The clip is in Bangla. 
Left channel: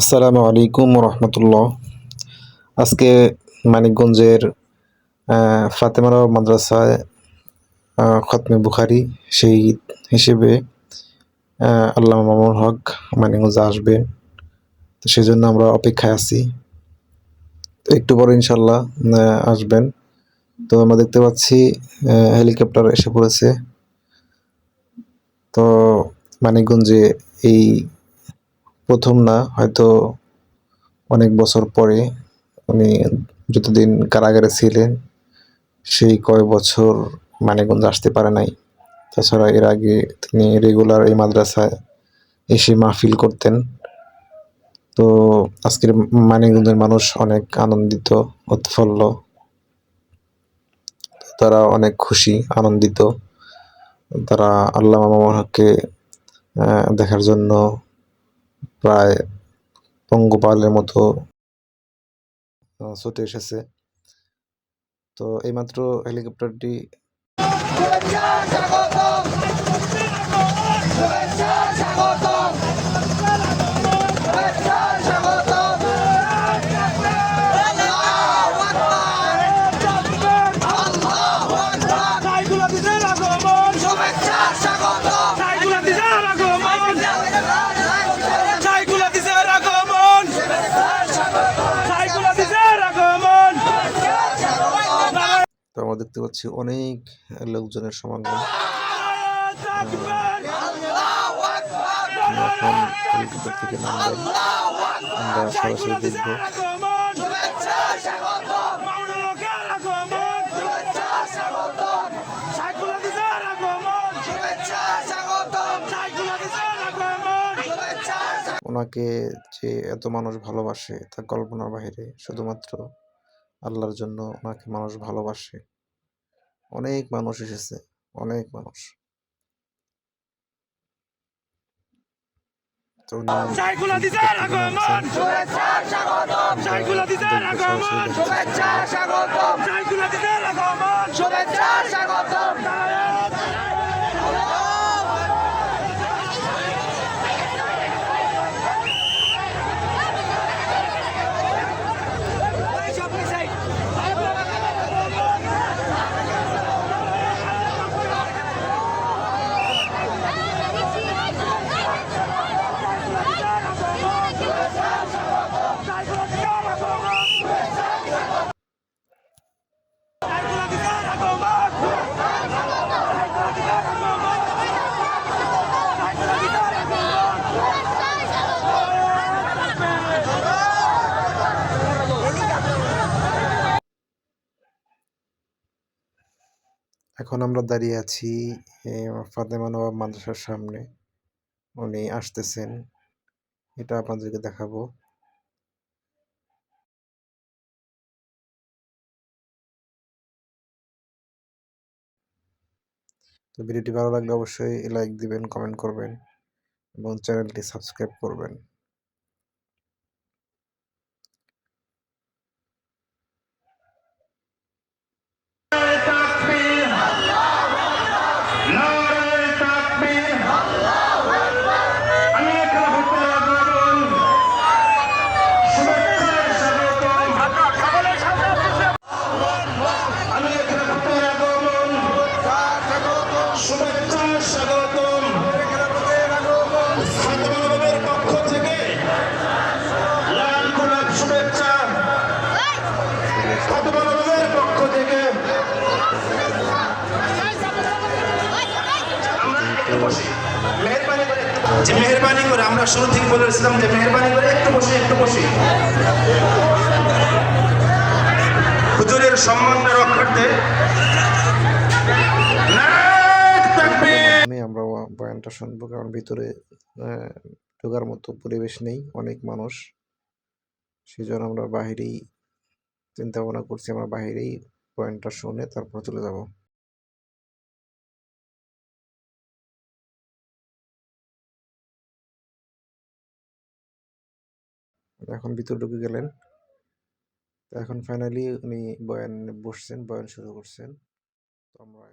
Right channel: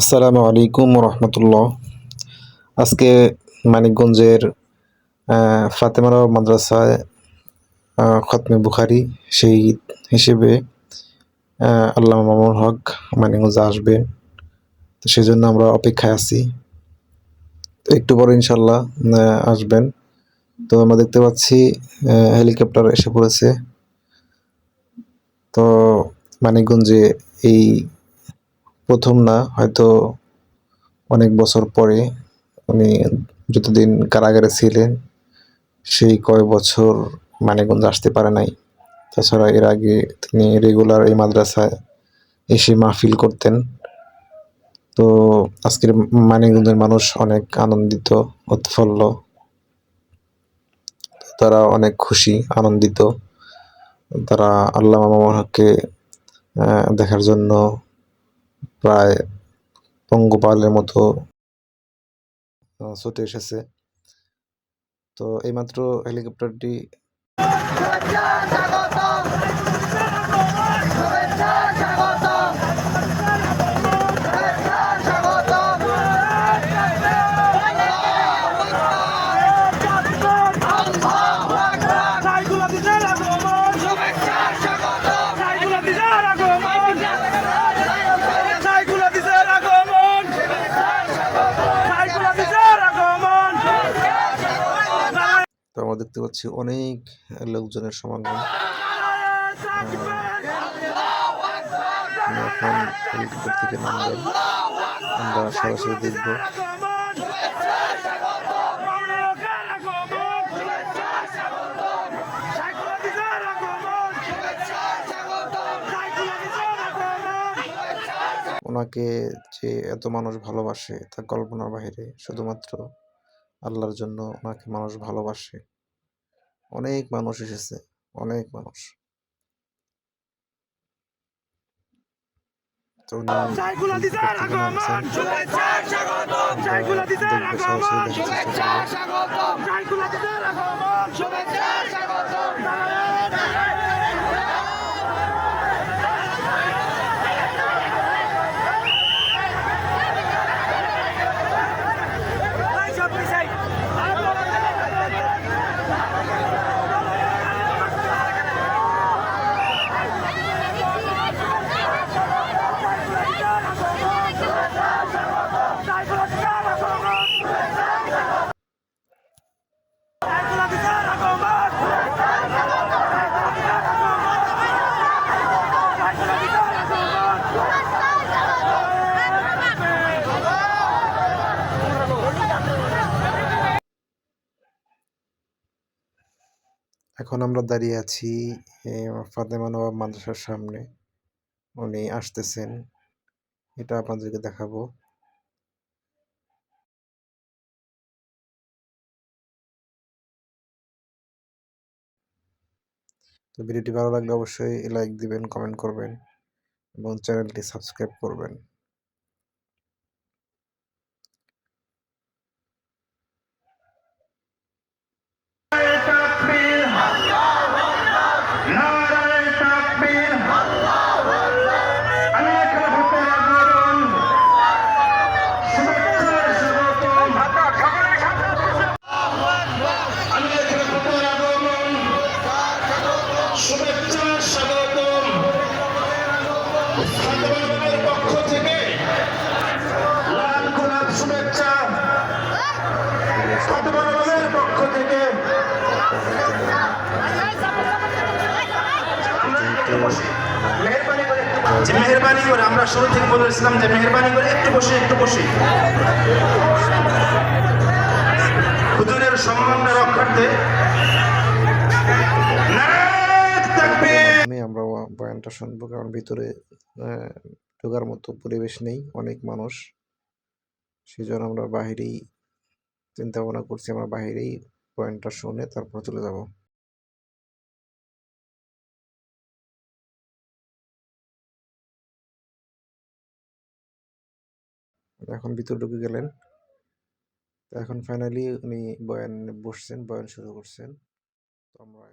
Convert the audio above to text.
আসসালামু আলাইকুম রহমতুল্লাহ। আজকে মানিকগঞ্জের ফাতেমা মাদ্রাসায় খতমে বুখারি শহীদ হিসেবে আল্লামা মামুনুল হক মানিকগঞ্জে আসবেন। তো সেজন্য আমরা অপেক্ষায় আছি। তো একটু পরে ইনশাল্লাহ আসবেন। তো আমরা দেখতে পাচ্ছি হেলিকপ্টার এসে পড়েছে। তো মানিকগঞ্জে এই প্রথম না, হয়তো অনেক বছর পরে উনি যতদিন কারাগারে ছিলেন সেই কয় বছর মানিকগঞ্জ আসতে পারে নাই। তাছাড়া এর আগে তিনি রেগুলার এই মাদ্রাসায় এসে মাহফিল করতেন। তো আজকের মানিকগঞ্জের মানুষ অনেক আনন্দিত, উৎফুল্ল, তারা অনেক খুশি, আনন্দিত। তারা আল্লামা মামুনুল হককে দেখার জন্য প্রায় পঙ্গপালের মতো ছুটে এসেছে। তো এইমাত্র হেলিকপ্টারটি তো আমরা দেখতে পাচ্ছি অনেক লোকজনের সমাগম। এখন হেলিকপ্টার থেকে নামবেন, আমরা সরাসরি দেখব। ওনাকে যে এত মানুষ ভালোবাসে তা কল্পনার বাহিরে। শুধুমাত্র আল্লাহর জন্য ওনাকে মানুষ ভালোবাসে। অনেক মানুষ এসেছে, অনেক মানুষ। তো উনি হেলিকপ্টার থেকে নামছেন, আমরা দেখবো, সরাসরি দেখার চেষ্টা করবো। এখন আমরা দাঁড়িয়ে আছি ফাতেমা নওয়াব মাদ্রাসার সামনে। উনি আসতেছেন, এটা আপনাদেরকে দেখাবো। তো ভিডিওটি ভালো লাগলে অবশ্যই লাইক দিবেন, কমেন্ট করবেন এবং চ্যানেলটি সাবস্ক্রাইব করবেন। মেহরবানি করে আমরা শুরু থেকে বলেছিলাম যে মেহরবানি করে একটু বসে হুজুরের সম্মান রক্ষার্থে আমরা বয়ানটা শুনবো, কারণ ভিতরে ঢোকার মতো পরিবেশ নেই, অনেক মানুষ। সেজন্য আমরা বাহিরেই চিন্তা ভাবনা করছি, আমরা বাহিরেই বয়ানটা শুনে তারপর চলে যাব। এখন ভিতরে ঢুকে গেলেন। এখন ফাইনালি উনি বয়ান বসছেন, বয়ান শুরু করছেন। তো আমরা